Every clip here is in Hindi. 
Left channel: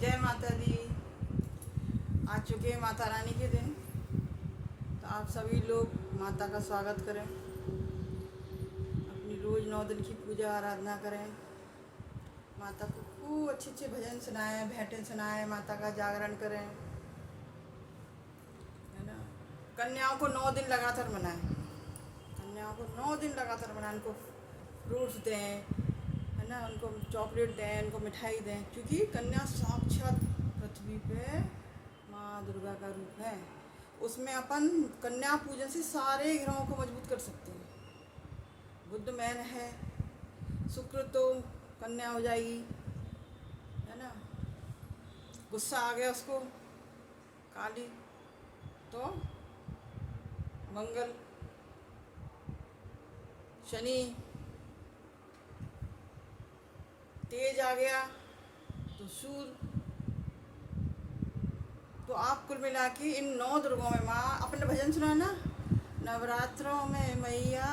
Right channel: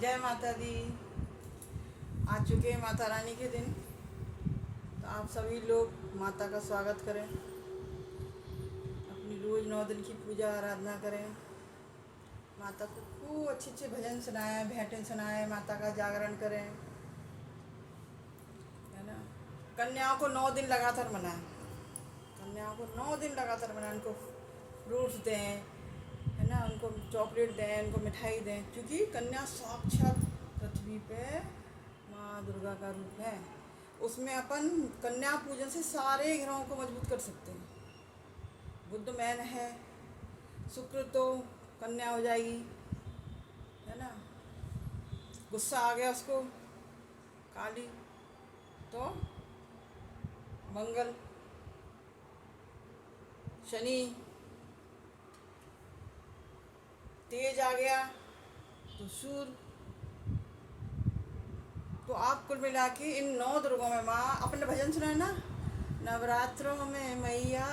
जय माता दी। आ चुके हैं माता रानी के दिन, तो आप सभी लोग माता का स्वागत करें, अपनी रोज़ 9 दिन की पूजा आराधना करें, माता को खूब अच्छे अच्छे भजन सुनाएं, भेंटें सुनाएं, माता का जागरण करें, है ना। कन्याओं को 9 दिन लगातार मनाएं, कन्याओं को 9 दिन लगातार मनाएं, उनको फ्रूट्स दें, है ना, उनको चॉकलेट दें, उनको मिठाई दें, क्योंकि कन्या साक्षात पृथ्वी पे माँ दुर्गा का रूप है। उसमें अपन कन्या पूजन से सारे ग्रहों को मजबूत कर सकते हैं। बुध मैन है, शुक्र तो कन्या हो जाएगी, है ना। गुस्सा आ गया उसको, काली, तो मंगल, शनि तेज आ गया तो सूर्य। तो आप कुल मिला के इन 9 दुर्गों में माँ अपने भजन सुना ना, नवरात्रों में मैया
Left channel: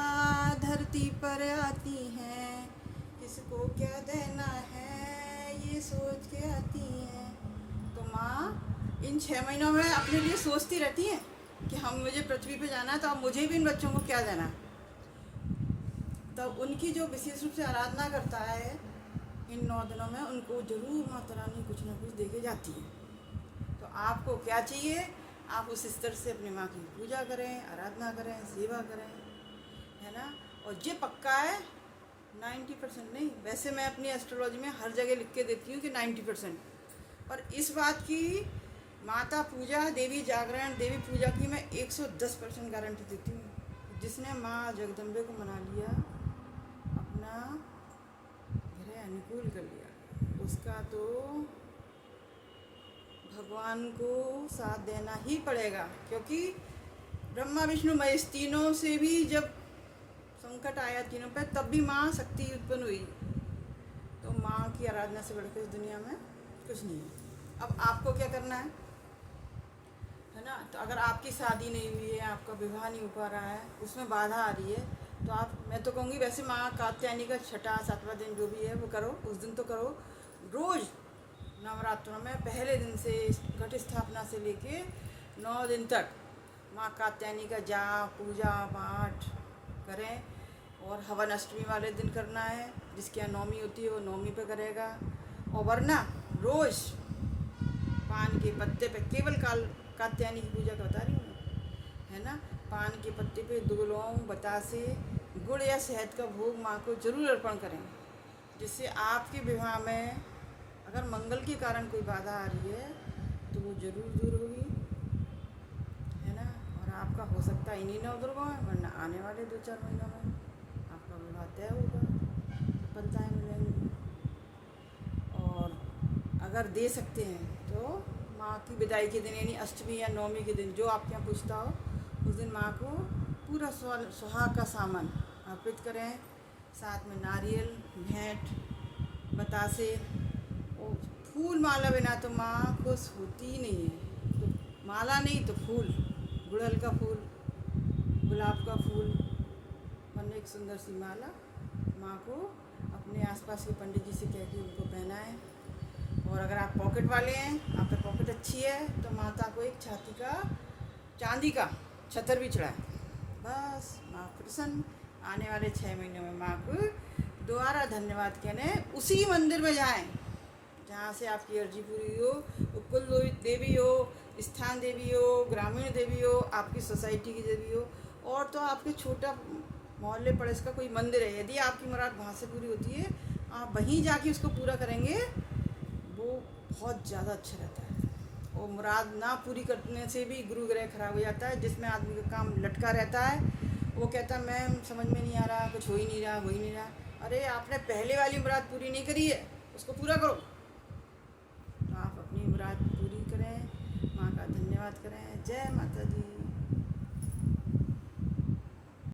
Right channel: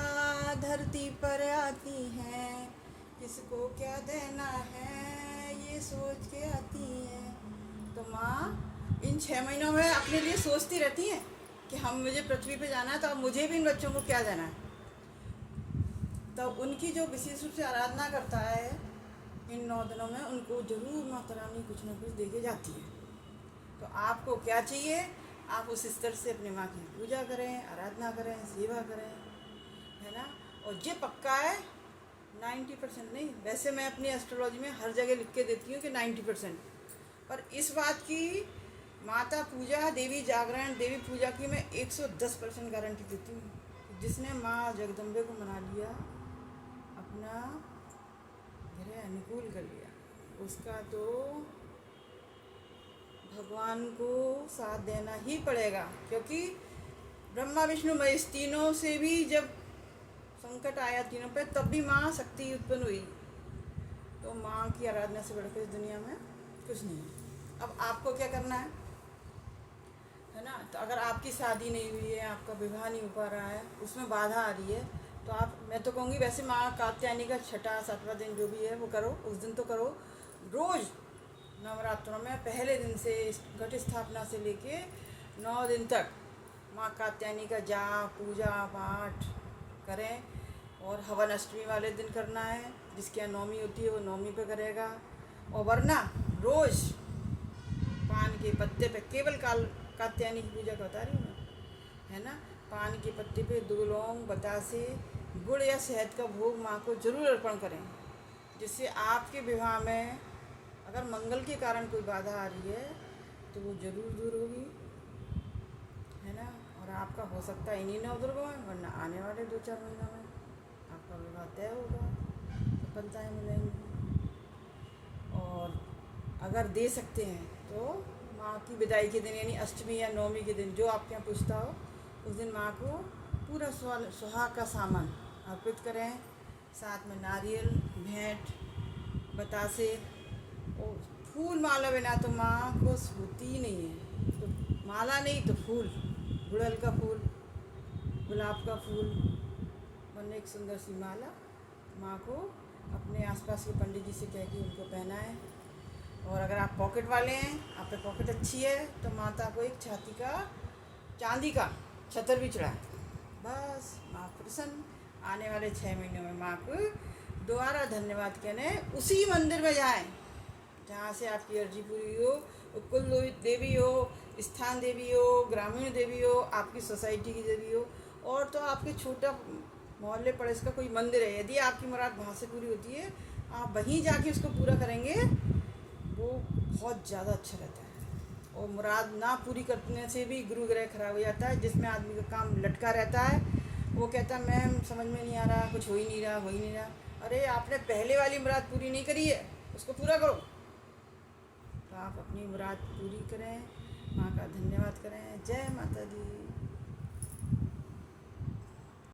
धरती पर आती हैं, किसको क्या देना है ये सोच के आती हैं। तो माँ इन 6 महीनों में अपने लिए सोचती रहती हैं कि मुझे पृथ्वी पे जाना है, तो अब मुझे भी इन बच्चों को क्या देना है। तो उनकी जो विशेष रूप से आराधना करता है इन 9 दिनों में, उनको जरूर माता रानी कुछ ना कुछ दे के जाती है। तो आपको क्या चाहिए, आप उस स्तर से अपनी माँ की पूजा करें, आराधना करें, सेवा करें, है ना। और ये पक्का है 90% नहीं, वैसे मैं अपनी एस्ट्रोलॉजी में हर जगह लिख के देती हूँ कि 90%, पर इस बात की माता पूजा, देवी जागरण, देवी पूजा की मैं 110% गारंटी देती हूँ। जिसने माँ जगदम्बे को मना लिया, अपना ग्रह अनुकूल कर लिया, उसका तो भगवान को साथ देना ही पड़ेगा। क्योंकि ब्रह्मा विष्णु महेश तीनों से भी जब संकट आया तीनों पे, तब भी माँ शक्ति उत्पन्न हुई। तो माँ की आराधना से बढ़कर इस दुनिया में कुछ नहीं है। अब आपको क्या करना है ना। तो अगर आपकी शादी नहीं हुई है, आपका विवाह नहीं हो पा रहा है, उसमें बाधा आ रही है, तो आप, मैं तो कहूँगी वैसे माँ कात्यायनी का 6वां 7वां दिन जो भी है वो करो, उस दिन तो करो। रोज़ नवरात्रों में पहले दिन से घट स्थापना से लेके 9 दिन तक माँ कात्यायनी का जाप, पूजा पाठ करें। और हवन अष्टमी वाले दिन करना है, जिसके यहाँ नौमी होती है वो नौमी पे करेगा। और वरना रोज़ पान के पत्ते पे, केवल कात्यायनी की पूजा का बता रही हूँ मैं, है ना, पान के पत्ते पे 2 लौंग, बतासे, गुड़ या शहद का भोग माँ को जरूर अर्पण करें, जिससे आपके विवाह में अगर मंगल के कारण कोई बाधा आ रही है तो वो जरूर दूर होगी, है ना। और आपका हो सकता है इन्हीं 9 दुर्गों में, वरना आने वाले 2-4 महीनों में आपका विवाह तय होगा, सफलताएँ मिलेंगी। और अगर दे सकते हैं तो माँ की विदाई के दिन, यानी अष्टमी या नौमी के दिन, जो आपके यहाँ पूछता हो, उस दिन माँ को पूरा सुहाग का सामान अर्पित करें, साथ में नारियल, भेंट, बतासे और फूल माला बिना तो माँ खुश होती ही नहीं है। तो माला नहीं तो फूल, गुड़हल का फूल, गुलाब का फूल, वरना एक सुंदर सी माला माँ को अपने आसपास के पंडित जी से कह के उनको पहनाएं। और अगर आप पॉकेट वाले हैं, आप पे पॉकेट अच्छी है, तो माता को एक छाती का चांदी का छतर भी चढ़ाएं। बस माँ प्रसन्न। आने वाले 6 महीनों में माँ को दोबारा धन्यवाद कहने उसी मंदिर में जाएं जहाँ से आपकी अर्जी पूरी हो, कुल देवी हो, स्थान देवी हो, ग्रामीण देवी हो, आपकी सोसाइटी की देवी हो, और तो आपके छोटा मोहल्ले पड़ोस का कोई मंदिर है, यदि आपकी मुराद वहाँ से पूरी होती है, आप वहीं जाके उसको पूरा करेंगे, वो बहुत ज़्यादा अच्छा रहता है। और मुराद ना पूरी करने से भी गुरु ग्रह खराब हो जाता है, जिसमें आदमी का काम लटका रहता है। वो कहता है मैं समझ में नहीं आ रहा, कुछ हो ही नहीं रहा, हो ही नहीं रहा। अरे आपने पहले वाली मुराद पूरी नहीं करी है, उसको पूरा करो। तो आप अपनी मुराद पूरी करें, माँ का धन्यवाद करें। जय माता दी।